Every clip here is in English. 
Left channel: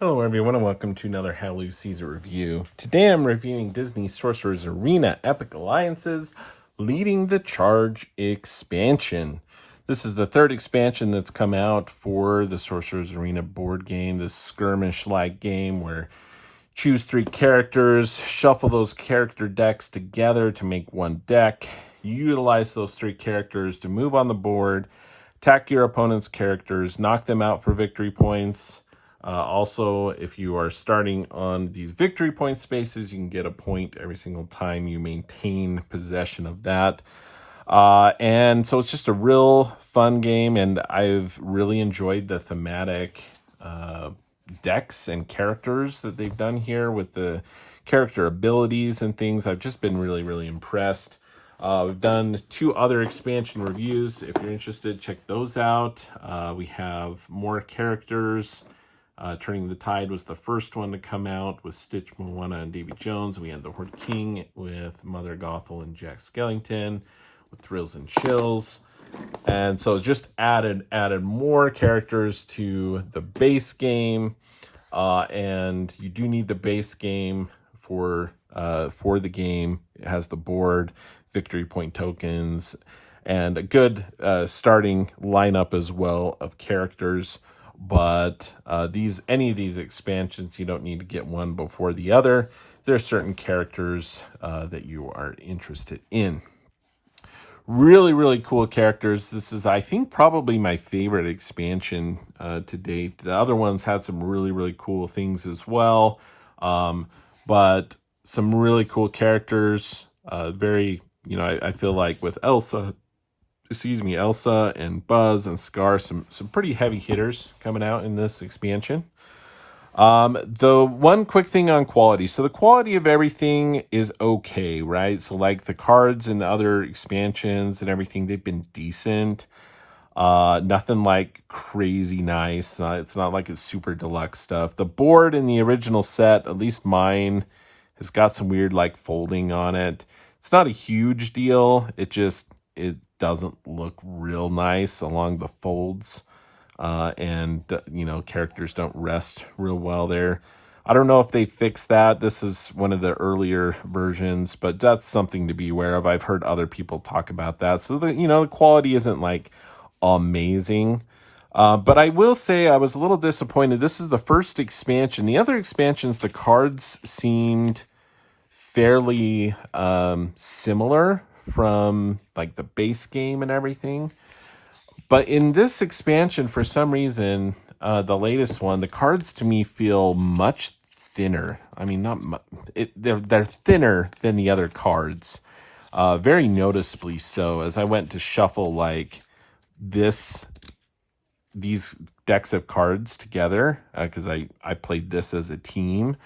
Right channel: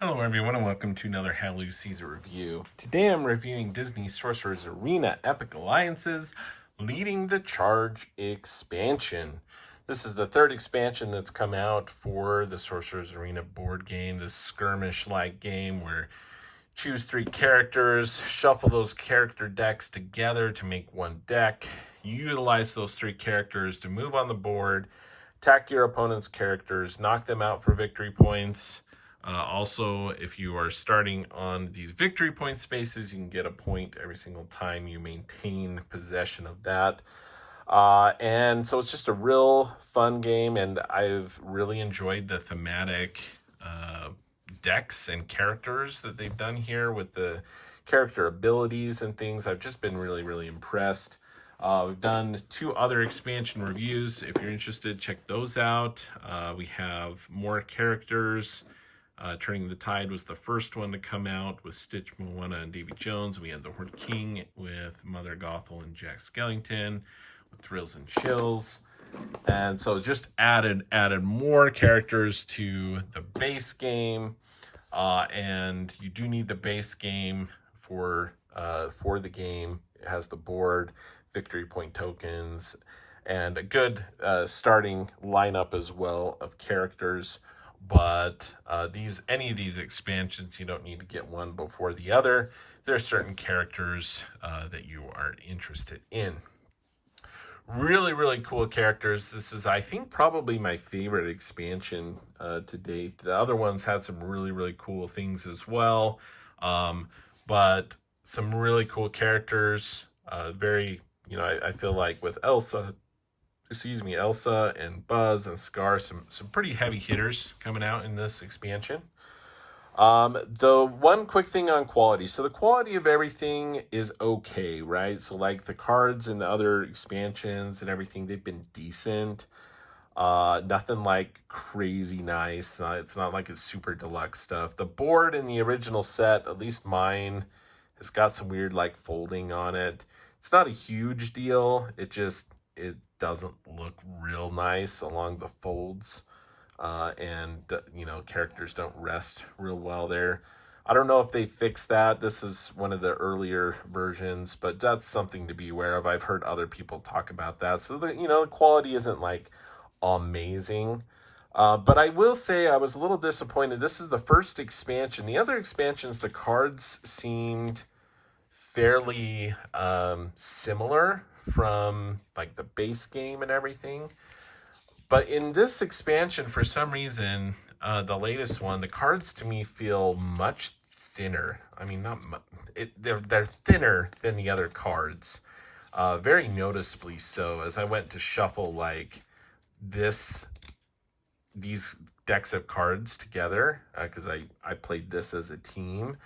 Hello everyone and welcome to another Halloween Season review. Today I'm reviewing Disney Sorcerer's Arena Epic Alliances Leading the Charge expansion. This is the third expansion that's come out for the Sorcerer's Arena board game, this skirmish-like game where choose 3 characters, shuffle those character decks together to make one deck, utilize those 3 characters to move on the board, attack your opponent's characters, knock them out for victory points. Also, if you are starting on these victory point spaces, you can get a point every single time you maintain possession of that. And so it's just a real fun game, and I've really enjoyed the thematic decks and characters that they've done here with the character abilities and things. I've just been really impressed. We've done 2 other expansion reviews. If you're interested, check those out. We have more characters. Turning the Tide was the first one to come out with Stitch, Moana, and Davy Jones. We had the Horde King with Mother Gothel and Jack Skellington with Thrills and Chills. And so just added more characters to the base game. And you do need the base game for the game. It has the board, victory point tokens, and a good starting lineup as well of characters. But any of these expansions, you don't need to get one before the other. There's certain characters that you are interested in. Really cool characters. This is, I think, probably my favorite expansion to date. The other ones had some really cool things as well. But some really cool characters. I feel like with Elsa and Buzz and Scar, some pretty heavy hitters coming out in this expansion. The one quick thing on quality. So the quality of everything is okay, right? So like the cards and the other expansions and everything, they've been decent. Nothing like crazy nice. It's not like it's super deluxe stuff. The board in the original set, at least mine, has got some weird like folding on it. It's not a huge deal. It doesn't look real nice along the folds, and characters don't rest real well there. I don't know if they fixed that. This is one of the earlier versions, but that's something to be aware of. I've heard other people talk about that. So the quality isn't like amazing. But I will say I was a little disappointed. This is the first expansion. The other expansions, the cards seemed fairly similar from like the base game and everything. But in this expansion, for some reason, the latest one, the cards to me feel much thinner. I mean, they're thinner than the other cards, very noticeably so. As I went to shuffle like these decks of cards together, because I played this as a team,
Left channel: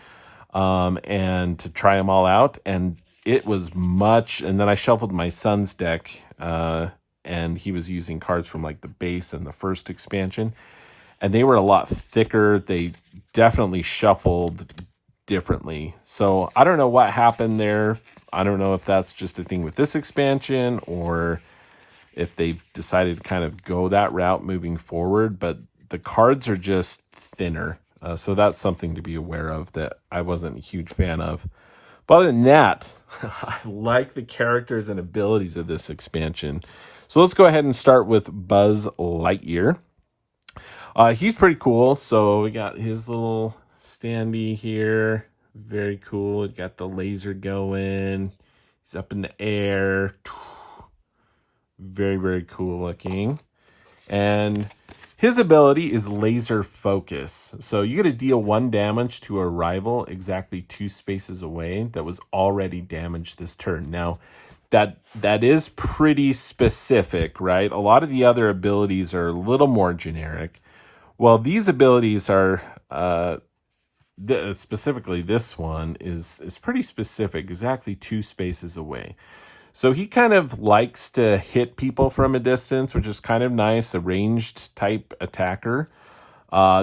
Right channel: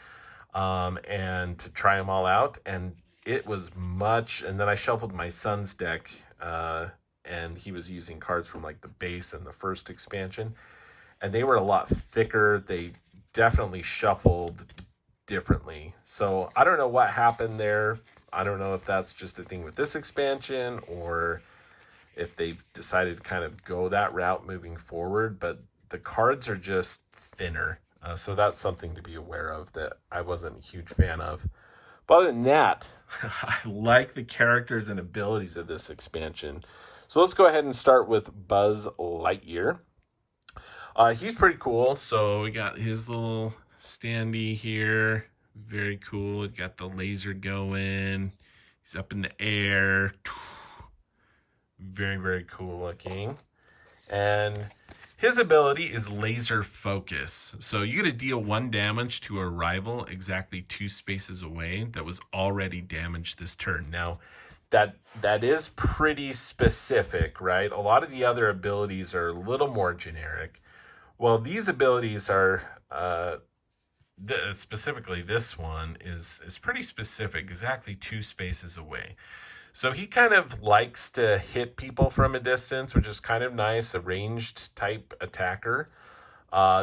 and to try them all out, and it was much. And then I shuffled my son's deck, and he was using cards from like the base and the first expansion, and they were a lot thicker. They definitely shuffled differently. So I don't know what happened there. I don't know if that's just a thing with this expansion or if they decided to kind of go that route moving forward, but the cards are just thinner. So that's something to be aware of that I wasn't a huge fan of. But other than that, I like the characters and abilities of this expansion. So let's go ahead and start with Buzz Lightyear. He's pretty cool. So we got his little standee here. Very cool. He's got the laser going. He's up in the air. Very cool looking. And his ability is Laser Focus. So you get to deal 1 damage to a rival exactly 2 spaces away that was already damaged this turn. Now, that is pretty specific, right? A lot of the other abilities are a little more generic. Well, these abilities are, specifically this one is pretty specific, exactly 2 spaces away. So he kind of likes to hit people from a distance, which is kind of nice, a ranged type attacker.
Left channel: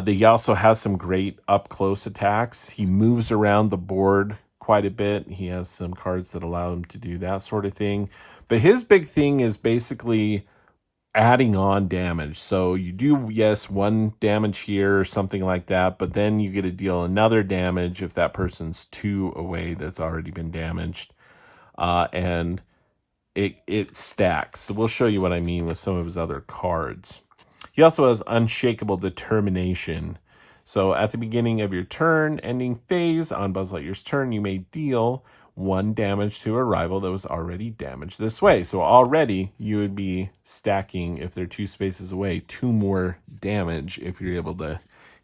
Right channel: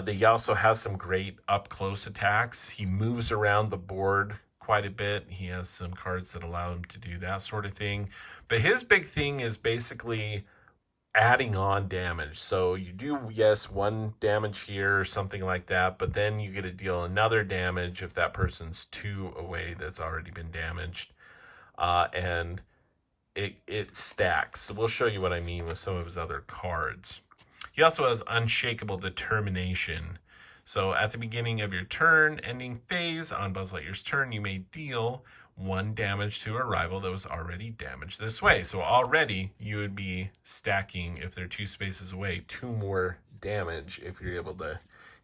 He also has some great up-close attacks. He moves around the board quite a bit. He has some cards that allow him to do that sort of thing. But his big thing is basically adding on damage. So you do, yes, 1 damage here or something like that, but then you get to deal another damage if that person's 2 away that's already been damaged. And it stacks. So we'll show you what I mean with some of his other cards. He also has Unshakable Determination. So at the beginning of your turn, ending phase, on Buzz Lightyear's turn, you may deal 1 damage to a rival that was already damaged this way. So already you would be stacking, if they're 2 spaces away, 2 more damage if you're able to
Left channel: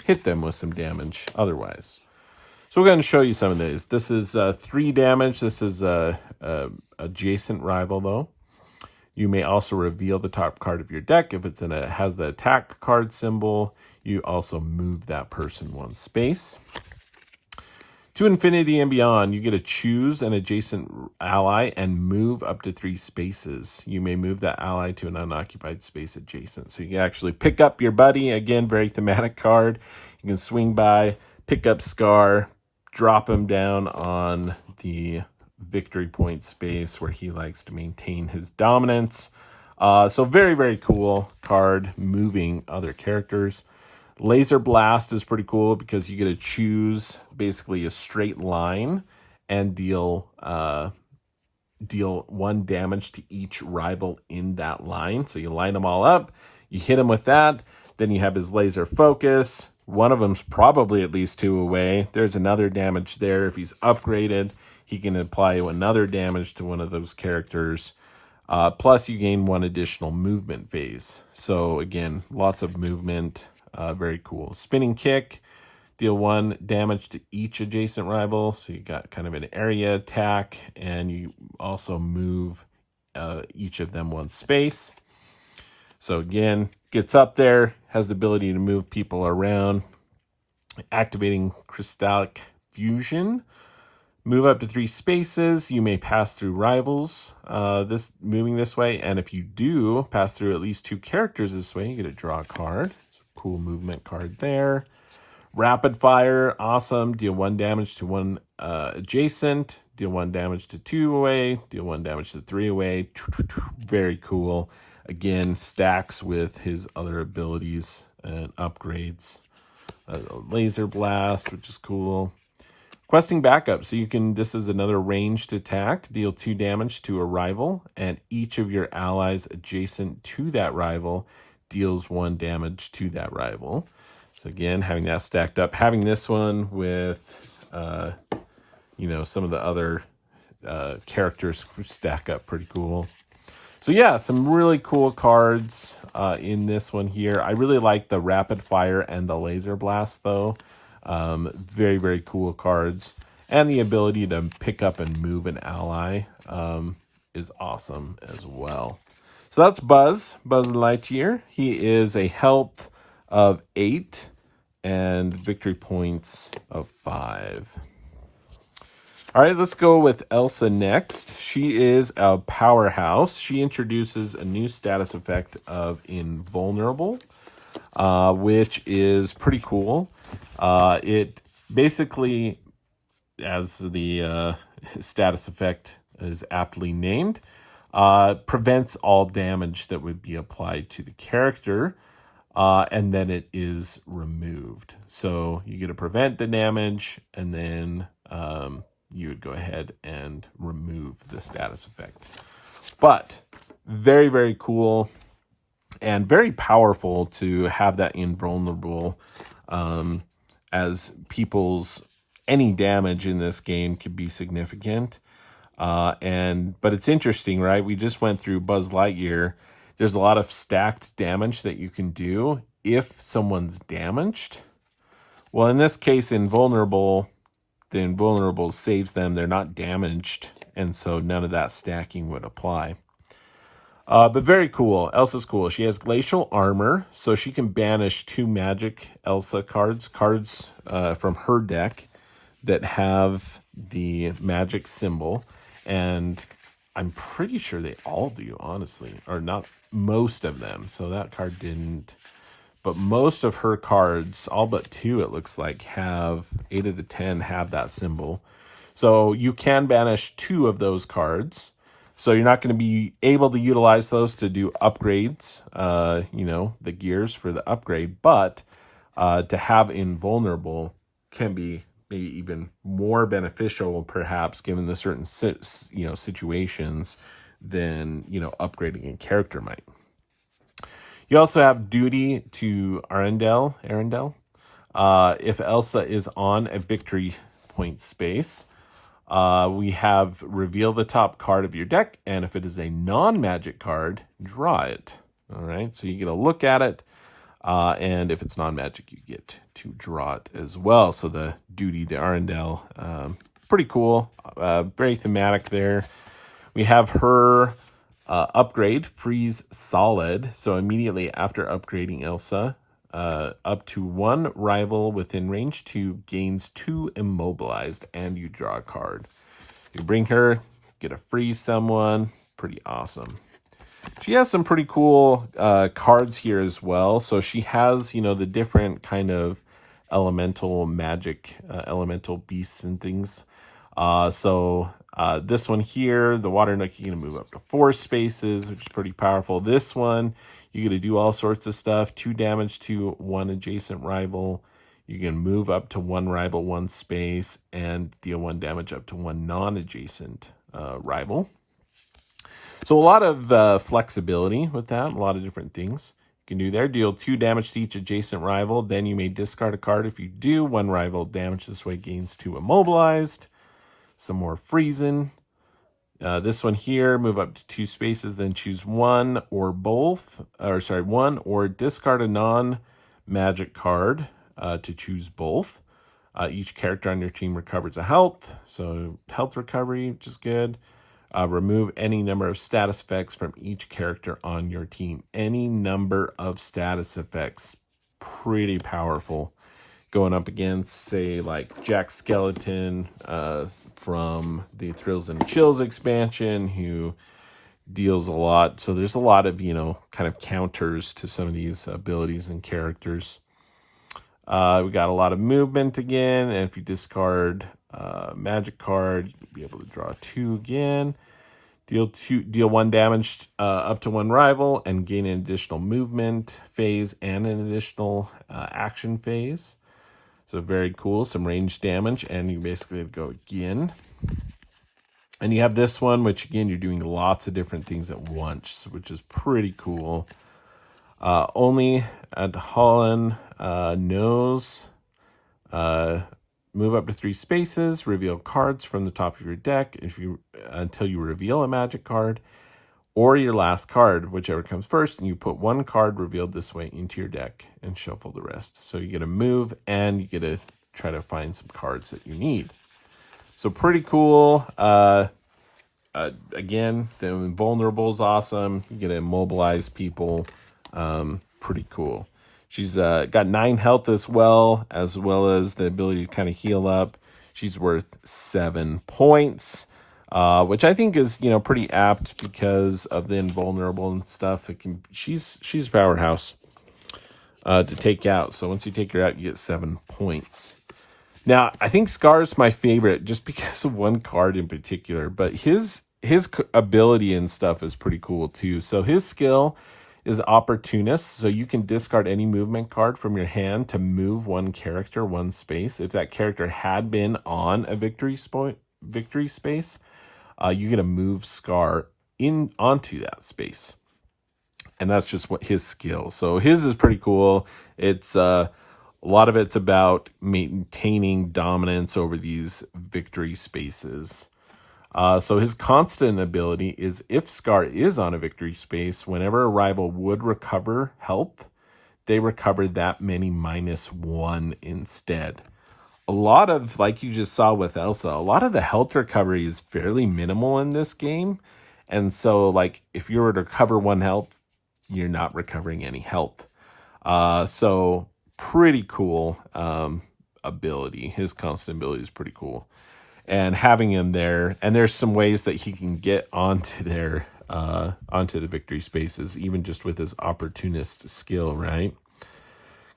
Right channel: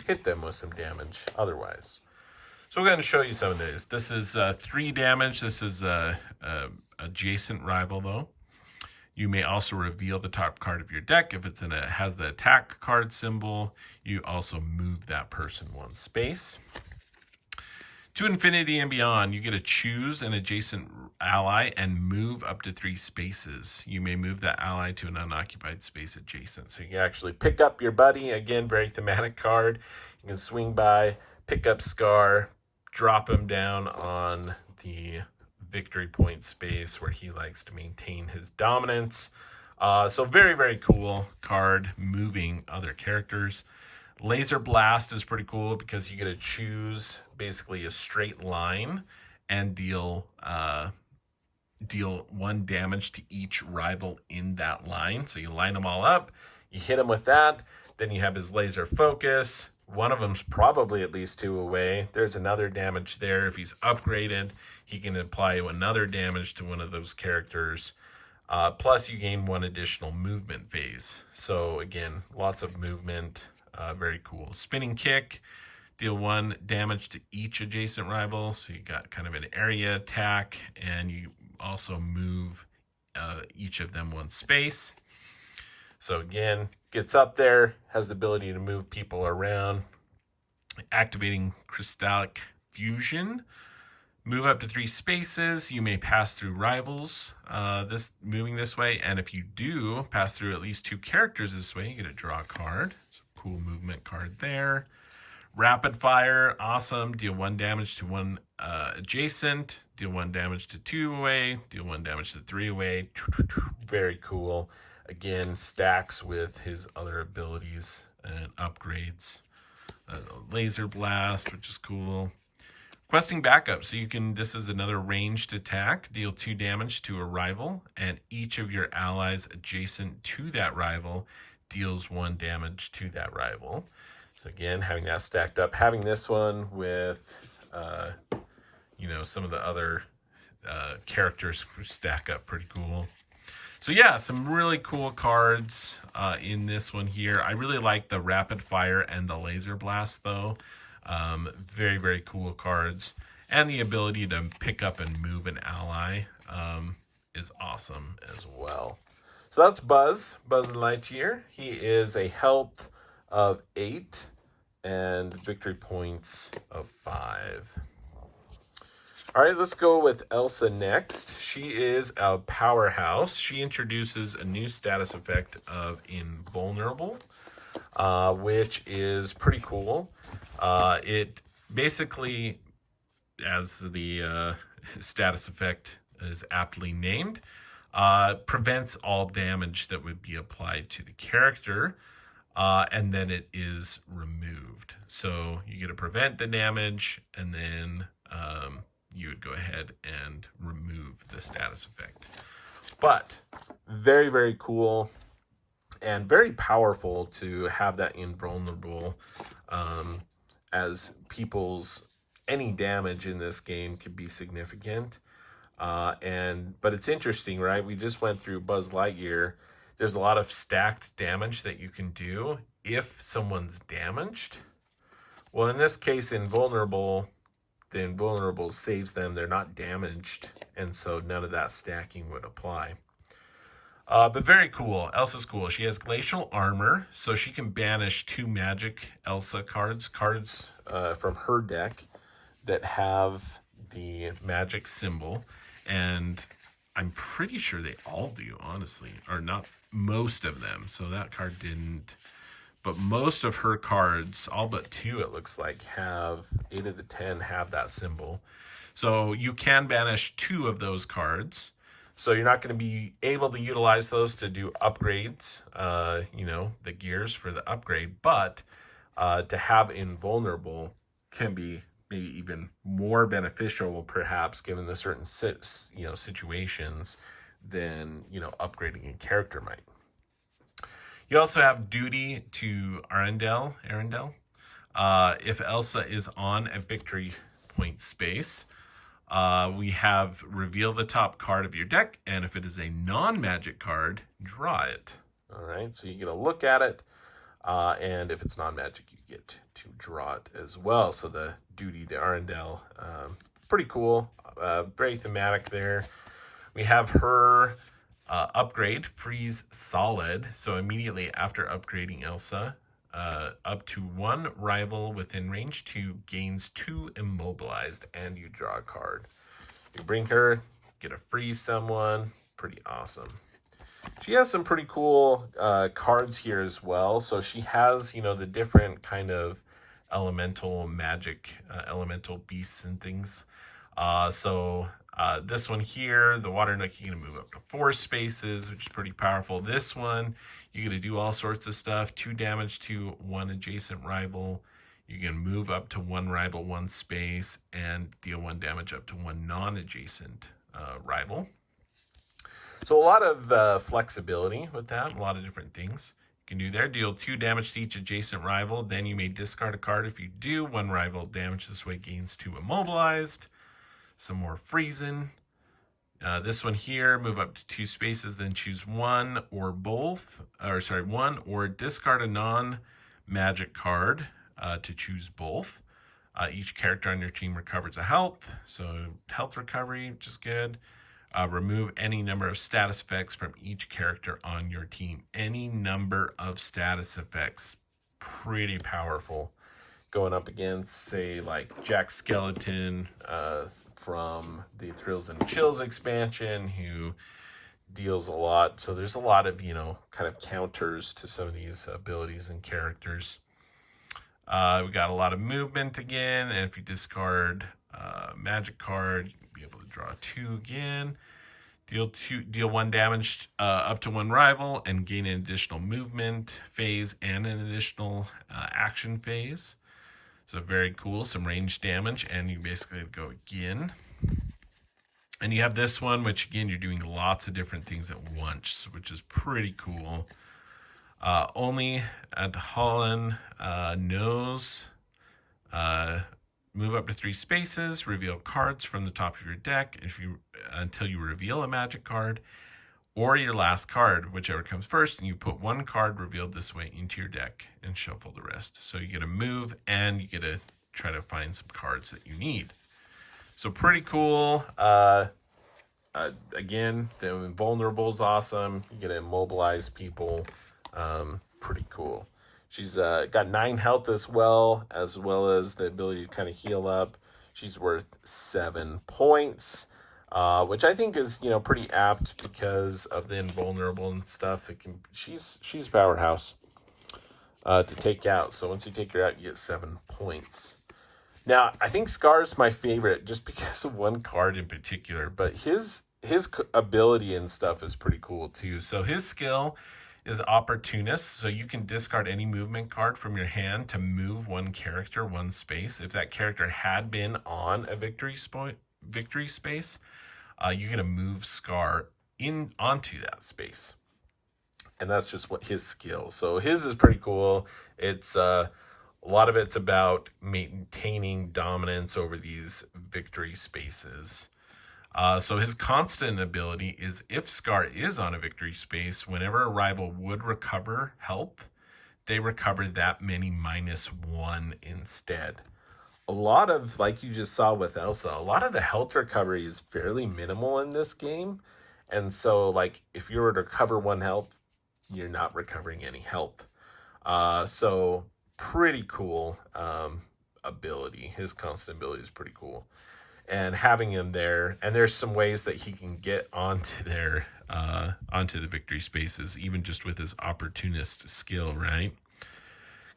hit them with some damage otherwise. So we're going to show you some of these. This is 3 damage. This is a adjacent rival, though. You may also reveal the top card of your deck. If it's has the attack card symbol, you also move that person 1 space. To infinity and beyond, you get to choose an adjacent ally and move up to 3 spaces. You may move that ally to an unoccupied space adjacent. So you can actually pick up your buddy. Again, very thematic card. You can swing by, pick up Scar, drop him down on the victory point space where he likes to maintain his dominance. So very, very cool card, moving other characters. Laser Blast is pretty cool because you get to choose basically a straight line and deal 1 damage to each rival in that line. So you line them all up, you hit him with that, then you have his laser focus. One of them's probably at least 2 away. There's another damage there. If he's upgraded, he can apply another damage to one of those characters. Plus you gain 1 additional movement phase. So again, lots of movement. Very cool. Spinning Kick, deal 1 damage to each adjacent rival. So you got kind of an area attack, and you also move each of them 1 space. So again, gets up there, has the ability to move people around. Activating Crystallic Fusion. Move up to 3 spaces. You may pass through rivals moving this way. And if you do pass through at least 2 characters this way, you get to draw a card. It's a cool movement card there. Rapid Fire, awesome. Deal 1 damage to 1 adjacent. Deal 1 damage to 2 away. Deal 1 damage to 3 away. Very cool. Again, stacks with his other abilities and upgrades. Laser Blast, which is cool. Questing Backup. So this is another ranged attack. Deal 2 damage to a rival, and each of your allies adjacent to that rival deals 1 damage to that rival. So again, having that stacked up. Having this one with, some of the other characters stack up pretty cool. So yeah, some really cool cards in this one here. I really like the Rapid Fire and the Laser Blast, though. Very, very cool cards. And the ability to pick up and move an ally is awesome as well. So that's Buzz Lightyear. He is a health of 8 and victory points of 5. All right, let's go with Elsa next. She is a powerhouse. She introduces a new status effect of Invulnerable, which is pretty cool. It basically, as the status effect is aptly named, prevents all damage that would be applied to the character, and then it is removed. So you get to prevent the damage, and then you would go ahead and remove the status effect. But very, very cool and very powerful to have that Invulnerable, as any damage in this game could be significant. But it's interesting, right? We just went through Buzz Lightyear. There's a lot of stacked damage that you can do if someone's damaged. Well, in this case, the Invulnerable saves them. They're not damaged, and so none of that stacking would apply. But very cool. Elsa's cool. She has Glacial Armor, so she can banish 2 magic Elsa cards from her deck that have the magic symbol. And I'm pretty sure they all do, honestly. Or not most of them. So that card didn't. But most of her cards, all but 2, it looks like, 8 of the 10 have that symbol. So you can banish 2 of those cards. So you're not going to be able to utilize those to do upgrades, you know, the gears for the upgrade. But to have invulnerable can be maybe even more beneficial, perhaps, given the certain situations than, you know, upgrading a character might. You also have duty to Arendelle. If Elsa is on a victory point space, we have reveal the top card of your deck, and if it is a non-magic card, draw it. All right, so you get a look at it, and if it's non-magic, you get to draw it as well. So the duty to Arendelle, pretty cool, very thematic there. We have her upgrade, freeze solid. So immediately after upgrading Elsa, up to 1 rival within range 2 gains 2 immobilized, and you draw a card. You bring her, get a freeze someone, pretty awesome. She has some pretty cool cards here as well. So she has, you know, the different kind of elemental magic, elemental beasts and things. This one here, the water nook, you're going to move up to 4 spaces, which is pretty powerful. This one, you're going to do all sorts of stuff. 2 damage to 1 adjacent rival. You can move up to 1 rival 1 space and deal 1 damage up to 1 non-adjacent rival. So a lot of flexibility with that, a lot of different things you can do there. Deal 2 damage to each adjacent rival. Then you may discard a card. If you do, 1 rival damage this way gains 2 immobilized. Some more freezing. This one here, move up to 2 spaces, then choose 1 or both, or sorry, 1 or discard a non-magic card to choose both. Each character on your team recovers a health, so health recovery, which is good. Remove any number of status effects from each character on your team. Any number of status effects, pretty powerful. Going up against, say, like Jack Skeleton from the Thrills and Chills expansion, who deals a lot. So there's a lot of, you know, kind of counters to some of these abilities and characters. We got a lot of movement again, and if you discard magic card, you'll be able to draw 2 again. Deal 1 damage up to 1 rival, and gain an additional movement phase and an additional action phase. So very cool, some range damage, and you basically go again. And you have this one, which again, you're doing lots of different things at once, which is pretty cool. Only at Holland knows. Move up to 3 spaces, reveal cards from the top of your deck until you reveal a magic card, or your last card, whichever comes first, and you put 1 card revealed this way into your deck and shuffle the rest. So you get to move, and you get to try to find some cards that you need. So pretty cool. Again, the invulnerable is awesome. You get to immobilize people. Pretty cool. She's got 9 health as well as the ability to kind of heal up. She's worth 7 points. Which I think is, you know, pretty apt because of the invulnerable and stuff. She's a powerhouse to take out. So once you take her out, you get 7 points. Now, I think Scar's my favorite just because of 1 card in particular, but his ability and stuff is pretty cool too. So his skill is Opportunist, so you can discard any movement card from your hand to move 1 character 1 space. If that character had been on a victory space, you're going to move Scar onto that space. And that's just what his skill. So his is pretty cool. It's a lot of it's about maintaining dominance over these victory spaces. So his constant ability is if Scar is on a victory space, whenever a rival would recover health, they recover that many -1 instead. A lot of, like you just saw with Elsa, a lot of the health recovery is fairly minimal in this game. And so, like, if you were to recover 1 health, you're not recovering any health. So pretty cool ability. His constant ability is pretty cool. And having him there, and there's some ways that he can get onto the victory spaces, even just with his Opportunist skill, right?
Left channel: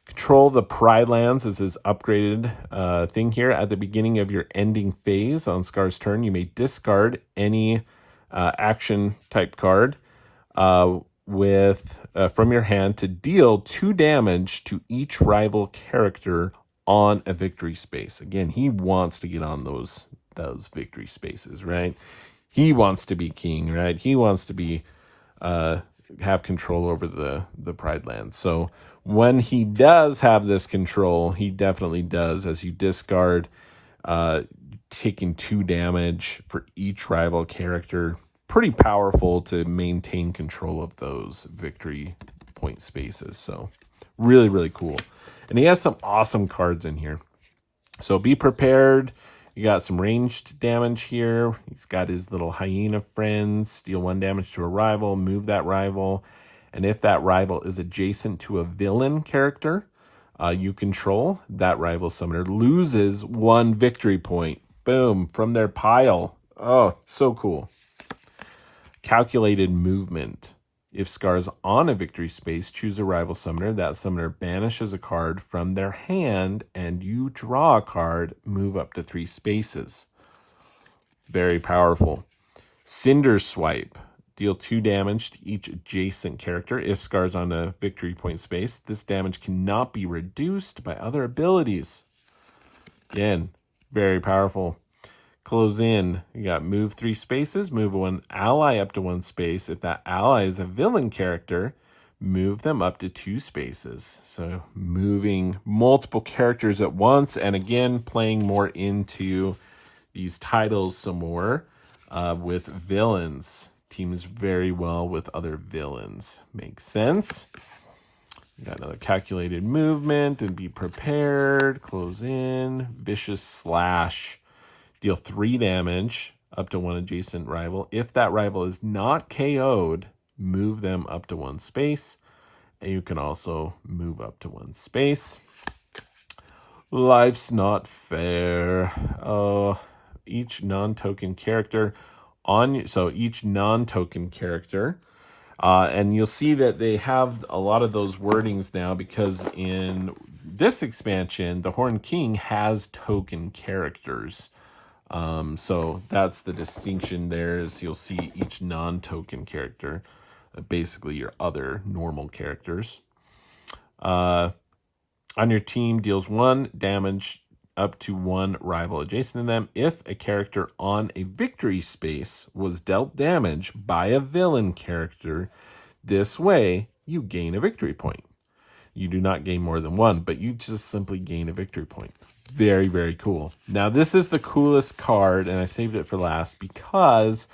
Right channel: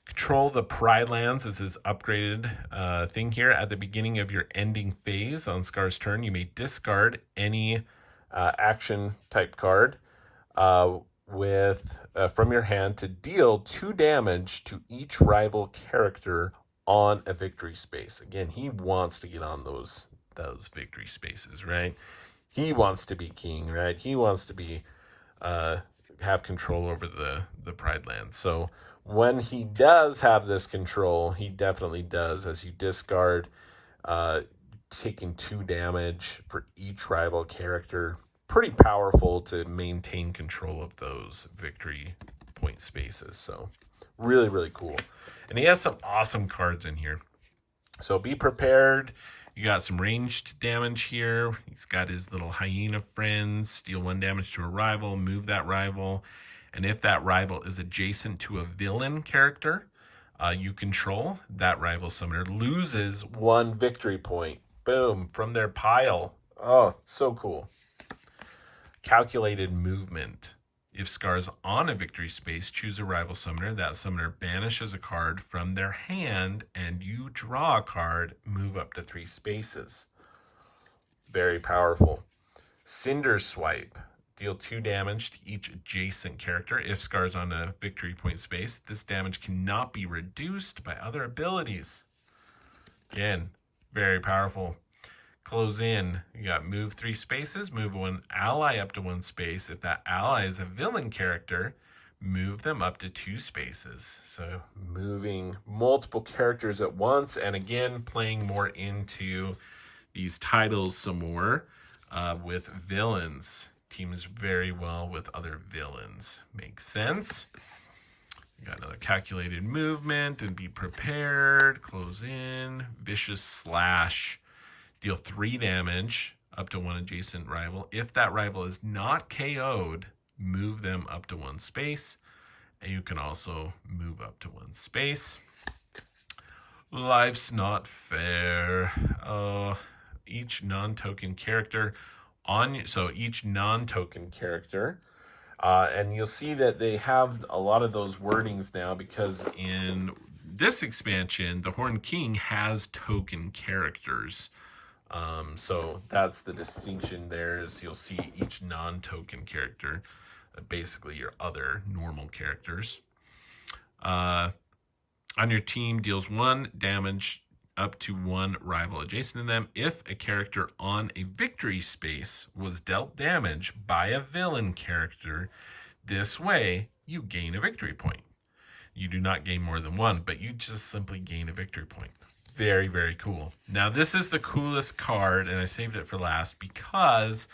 Control the Pride Lands is his upgraded thing here. At the beginning of your ending phase on Scar's turn, you may discard any action type card with from your hand to deal 2 damage to each rival character on a victory space. Again, he wants to get on those victory spaces, right? He wants to be king, right? He wants to be have control over the Pride Land. So when he does have this control, he definitely does. As you discard, taking 2 damage for each rival character. Pretty powerful to maintain control of those victory point spaces. So really, really cool. And he has some awesome cards in here. So be prepared. You got some ranged damage here. He's got his little hyena friends. Deal 1 damage to a rival. Move that rival. And if that rival is adjacent to a villain character you control, that rival summoner loses 1 victory point. Boom. From their pile. Oh, so cool. Calculated movement. If Scar's on a victory space, choose a rival summoner. That summoner banishes a card from their hand, and you draw a card, move up to 3 spaces. Very powerful. Cinderswipe. Deal 2 damage to each adjacent character. If Scar's on a victory point space, this damage cannot be reduced by other abilities. Again, very powerful. Close in. You got move 3 spaces, move 1 ally up to 1 space. If that ally is a villain character, move them up to 2 spaces. So moving multiple characters at once, and again, playing more into these titles some more with villains. Teams very well with other villains. Makes sense. You got another calculated movement and be prepared. Close in. Vicious slash. Deal 3 damage up to 1 adjacent rival. If that rival is not KO'd, move them up to 1 space. And you can also move up to 1 space. Life's not fair. Each non-token character each non-token character, and you'll see that they have a lot of those wordings now, because in this expansion, the Horned King has token characters. So that's the distinction there, is you'll see each non-token character, basically your other normal characters. On your team, deals 1 damage up to 1 rival adjacent to them. If a character on a victory space was dealt damage by a villain character, this way you gain a victory point. You do not gain more than 1, but you just simply gain a victory point. Very, very cool. Now, this is the coolest card, and I saved it for last because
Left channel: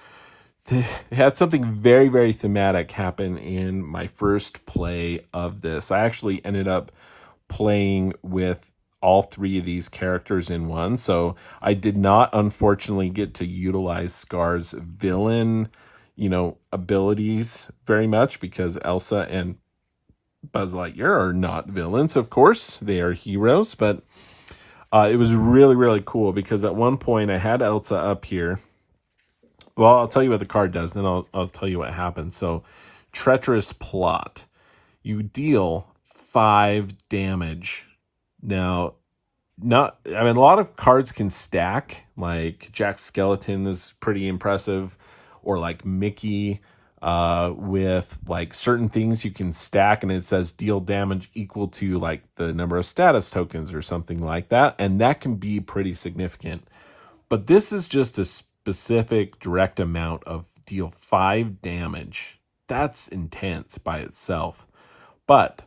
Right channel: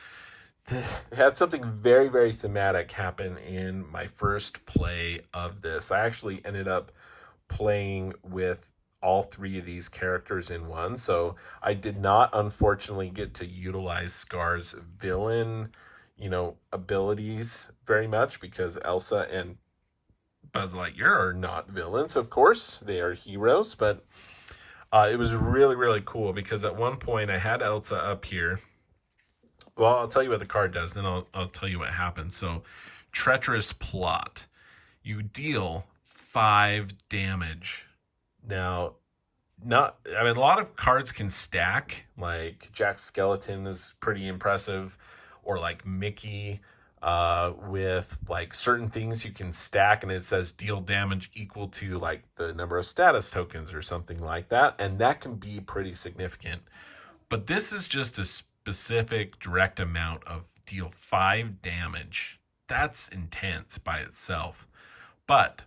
it had something very, very thematic happen in my first play of this. I actually ended up playing with all 3 of these characters in one, so I did not, unfortunately, get to utilize Scar's villain, abilities very much, because Elsa and Buzz Lightyear are not villains, of course. They are heroes, but it was really, really cool, because at one point I had Elsa up here. Well, I'll tell you what the card does, then I'll tell you what happens. So, Treacherous Plot. You deal 5 damage. Now, a lot of cards can stack, like Jack Skeleton is pretty impressive, or like Mickey, with like certain things you can stack and it says deal damage equal to like the number of status tokens or something like that, and that can be pretty significant. But this is just a specific direct amount of deal 5 damage. That's intense by itself. But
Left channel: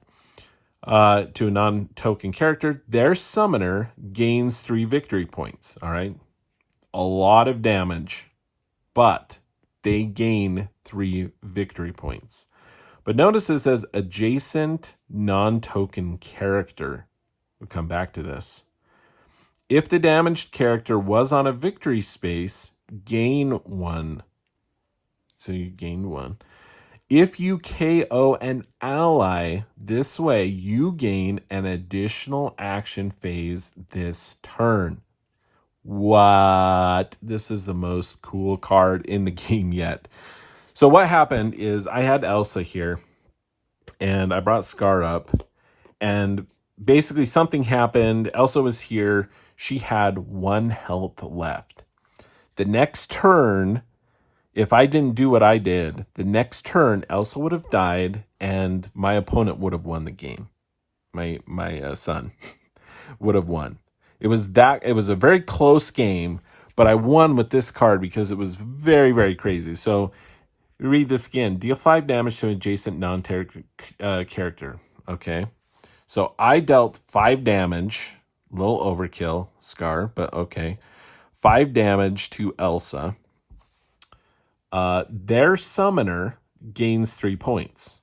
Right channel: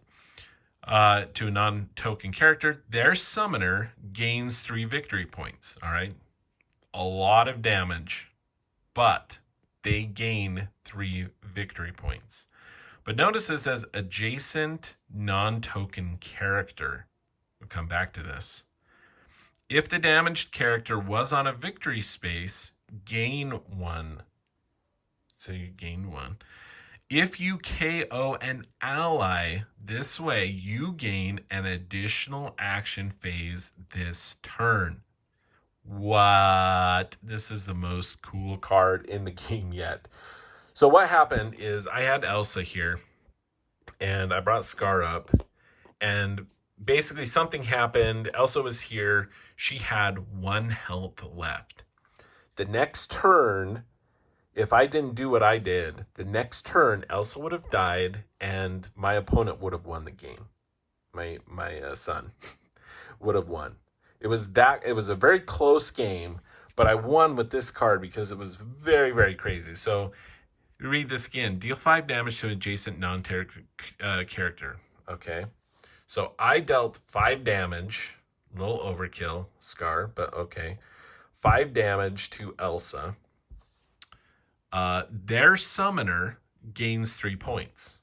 to a non-token character, their summoner gains 3 victory points. All right, a lot of damage, but they gain 3 victory points. But notice it says adjacent non-token character. We'll come back to this. If the damaged character was on a victory space, gain 1. So you gain 1. If you KO an ally this way, you gain an additional action phase this turn. What? This is the most cool card in the game yet. So what happened is I had Elsa here, and I brought Scar up, and basically something happened. Elsa was here. She had 1 health left. The next turn, if I didn't do what I did, the next turn Elsa would have died and my opponent would have won the game. My son would have won. It was a very close game, but I won with this card because it was very, very crazy. So read this again. Deal 5 damage to an adjacent non-terror character. Okay. So I dealt 5 damage. A little overkill, Scar, but okay. 5 damage to Elsa. Their summoner gains 3 points.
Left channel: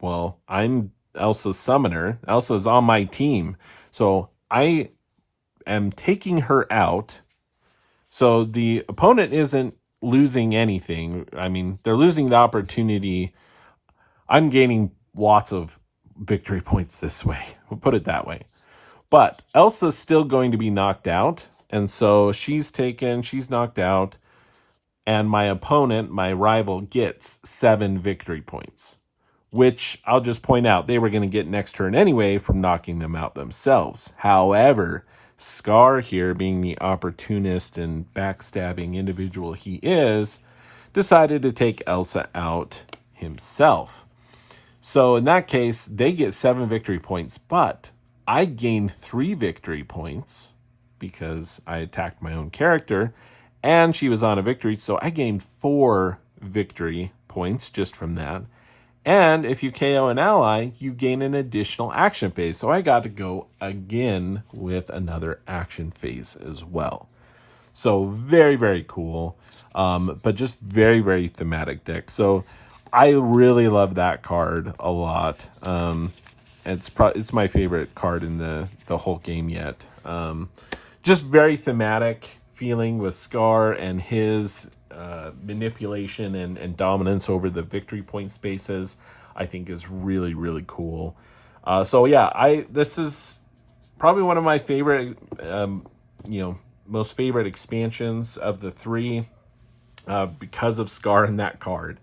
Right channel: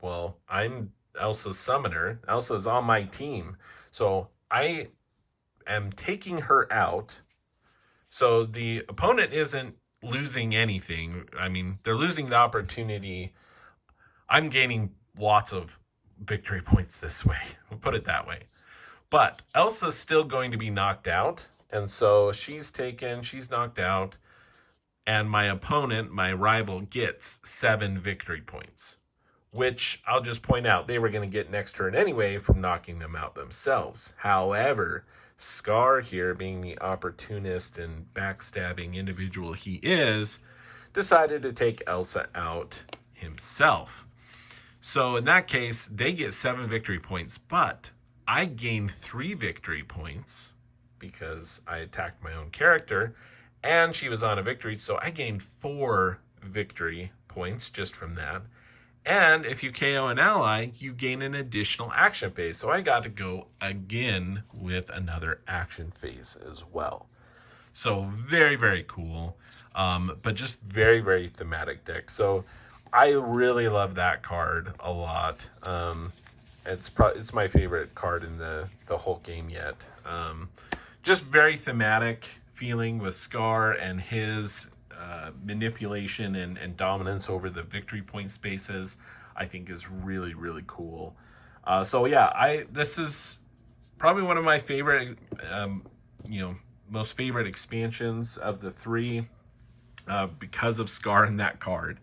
Well, I'm Elsa's summoner. Elsa's on my team. So I am taking her out. So the opponent isn't losing anything. I mean, they're losing the opportunity. I'm gaining lots of victory points this way. We'll put it that way. But Elsa's still going to be knocked out. And so she's knocked out. And my opponent, my rival, gets 7 victory points. Which I'll just point out, they were going to get next turn anyway from knocking them out themselves. However, Scar here, being the opportunist and backstabbing individual he is, decided to take Elsa out himself. So in that case, they get 7 victory points, but I gained 3 victory points because I attacked my own character and she was on a victory. So I gained 4 victory points just from that. And if you KO an ally, you gain an additional action phase. So I got to go again with another action phase as well. So very, very cool. But just very, very thematic deck. So I really love that card a lot. It's my favorite card in the whole game yet. Just very thematic feeling with Scar and his manipulation and dominance over the victory point spaces, I think is really, really cool. So yeah, this is probably one of my favorite, most favorite expansions of the 3 because of Scar and that card.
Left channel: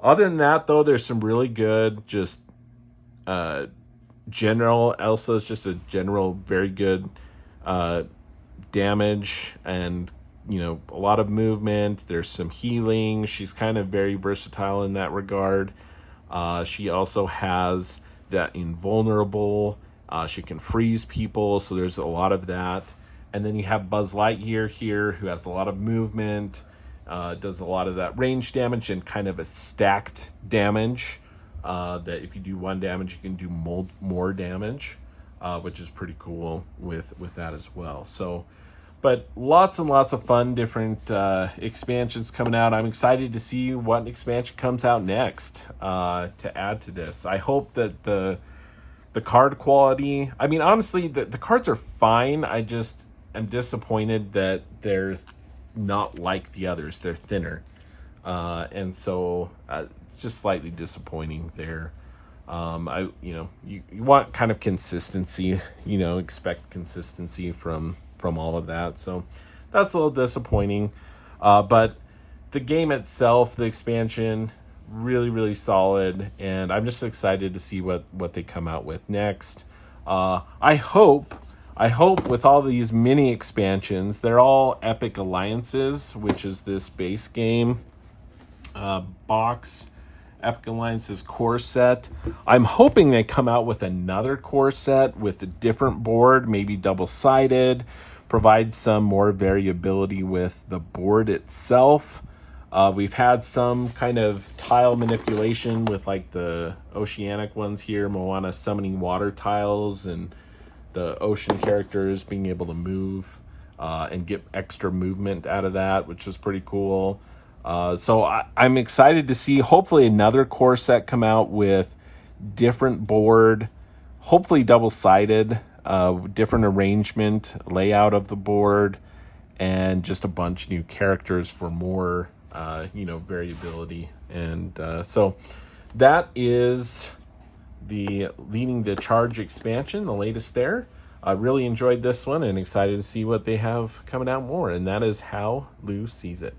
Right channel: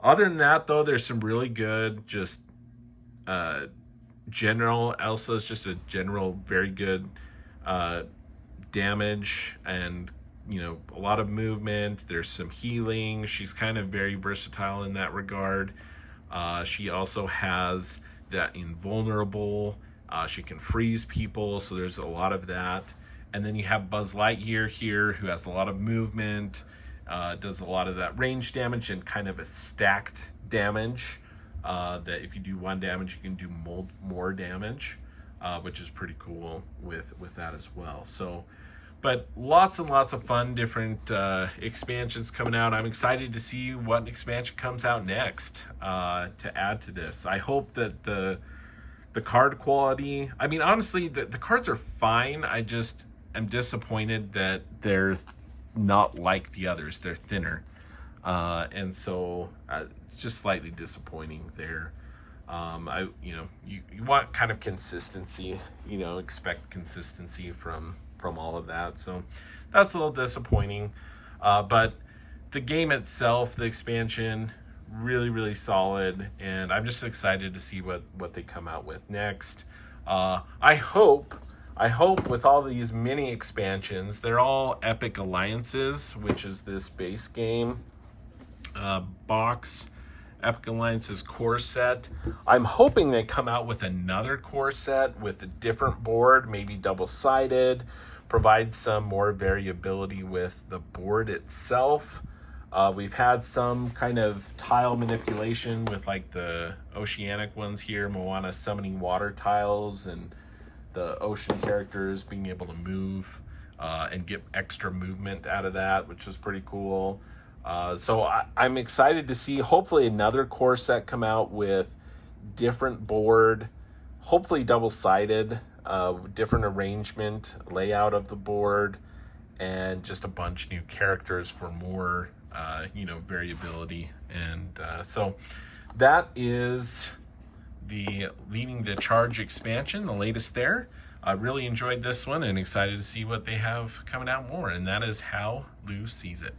Other than that, though, there's some really good just general. Elsa is just a general very good damage and a lot of movement. There's some healing. She's kind of very versatile in that regard. She also has that invulnerable. She can freeze people, so there's a lot of that. And then you have Buzz Lightyear here, who has a lot of movement, does a lot of that range damage and kind of a stacked damage. That if you do 1 damage, you can do more damage, which is pretty cool with that as well. So, but lots and lots of fun different expansions coming out. I'm excited to see what expansion comes out next to add to this. I hope that the card quality, I mean, honestly, the cards are fine. I just am disappointed that they're not like the others. They're thinner. And so just slightly disappointing there. You want kind of consistency, expect consistency from all of that. So that's a little disappointing. But the game itself, the expansion, really, really solid. And I'm just excited to see what they come out with next. I hope with all these mini expansions, they're all Epic Alliances, which is this base game box. Epic Alliance's core set. I'm hoping they come out with another core set with a different board, maybe double-sided, provide some more variability with the board itself. We've had some kind of tile manipulation with like the oceanic ones here, Moana summoning water tiles and the ocean characters being able to move and get extra movement out of that, which is pretty cool. So I'm excited to see hopefully another core set come out with different board, hopefully double-sided, different arrangement, layout of the board, and just a bunch new characters for more, variability. And so that is the Leading the Charge expansion, the latest there. I really enjoyed this one and excited to see what they have coming out more. And that is how Lou sees it.